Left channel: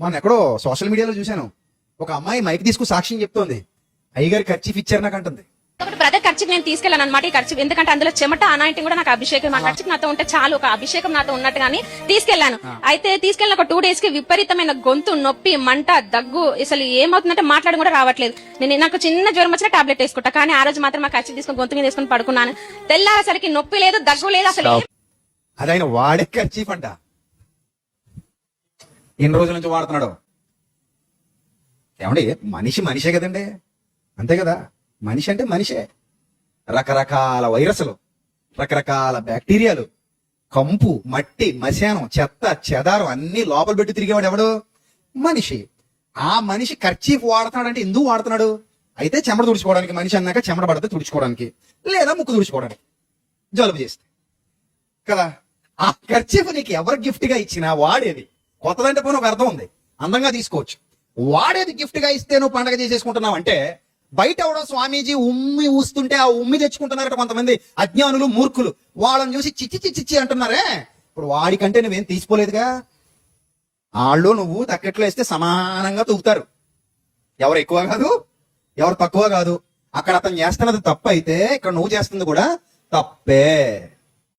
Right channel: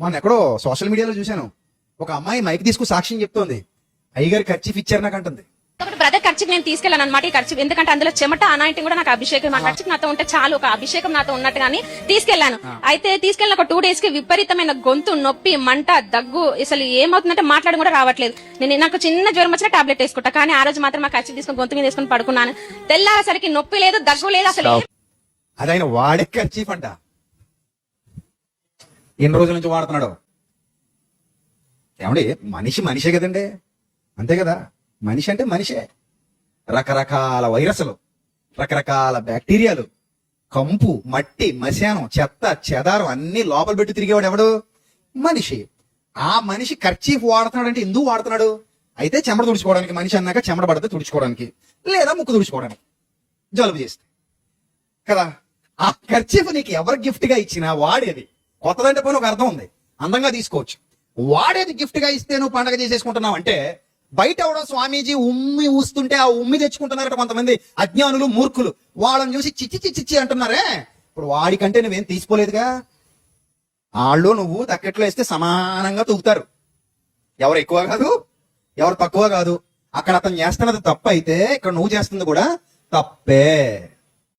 మొన్న ఎక్కడో సోషల్ మీడియాలో చూశాను. ఒక అమ్మాయి మైక్ తీసుకు సాక్ష్యం చెప్తుంది. అయ్యగారు ఖర్చు ఇచ్చారు నాకు అంటుంది. కాబట్టి ప్రతి ఖర్చుకి నేను తీసుకెళ్ళాను అనమాట ఖర్చు ఎందుకంటే అందులో చెమట అనాంటి కూడా నాకు అభిషేకం. ఆ ఖర్చుకి నాతో ఉంటే చాలు ఒక అభిషేకం నాతో ఉన్నట్టుగాని తీసుకెళ్ళాను. అయితే తీసుకెళ్ళిన ఒక టూ డేస్కి విపరీతమైన గొంతు నొప్పి మంట దగ్గు అసలు ఏమవుతుందంటే మాట్లాడడం కూడా రావట్లేదు. నేను నాకు చిన్న జ్వరం వచ్చిన టాబ్లెట్ వేసుకుంటా కానీ ఆ రోజు మాత్రం ఖర్చు తీసుకుని గొంతు మీద వేసుకుని పడుకున్నాను. తెల్లారేసరికి నొప్పి లేదు దగ్గు లేదు అసలు ఏం అది ఆయన వాడికి ఖర్చీఫ్ అంట. ఎన్ని రోజుల నుంచి వాడుతున్నాడు? ఏమండి మనిషి మనిషే కదండి. అంతే కదా. మనిషి అంటే మనిషే. రకరకాల వైరస్లు రకరకాల బ్యాక్టీరియాలు కంపు మట్టి మశానం చెత్త చెదారం అన్ని లోపల పెట్టి తిరిగేవాడు ఎవడు? మనిషి. ఆ మనిషి ఖర్చీఫ్ వాడుతున్నాడు అంటే ఎందుకు వాడుతున్నాడు? అయితే చెమట తుడుచుకోవడానికి మనిషి అన్నాక చెమట పడితే తుడుచుకోవడానికి లేదా ముక్కు తుడుచుకోవడానికి. జలుబు చేస్తే. కదా. ఆ ఖర్చీఫ్ నీకు ఎవరు గిఫ్ట్గా ఇచ్చినా వాడేది. కొత్తదంటే పోనీ ఒక అర్థం ఉంది. అందంగా తీసుకోవచ్చు. వాడేది గిఫ్ట్గా ఇస్తే నువ్వు పండగ చేసేసుకుంటున్నావు అంటే బయట ఎవడో స్వామీజీ ఉమ్మి ఊస్తుంటే ఆ ఉమ్మి తెచ్చుకుంటున్నారట కొంతమంది అజ్ఞానులు మూర్ఖులు. వాళ్ళని చూసి చిచ్చి చిచ్చి చిచ్చి అంటున్నారే? ఇప్పుడు వాడికంటే నువ్వేం తీసుకోలేదుగా? వాళ్ళు నువ్వు తక్కెట్లో వేస్తే సమానంగా తూగుతారు. ఎవరు ఎక్కువ కాదు ఎవరు తక్కువ కాదు. అక్కడ అతను చేస్తున్నది తప్పు అయితే ఇక్కడ నువ్వు చేస్తుంది కూడా తప్పే.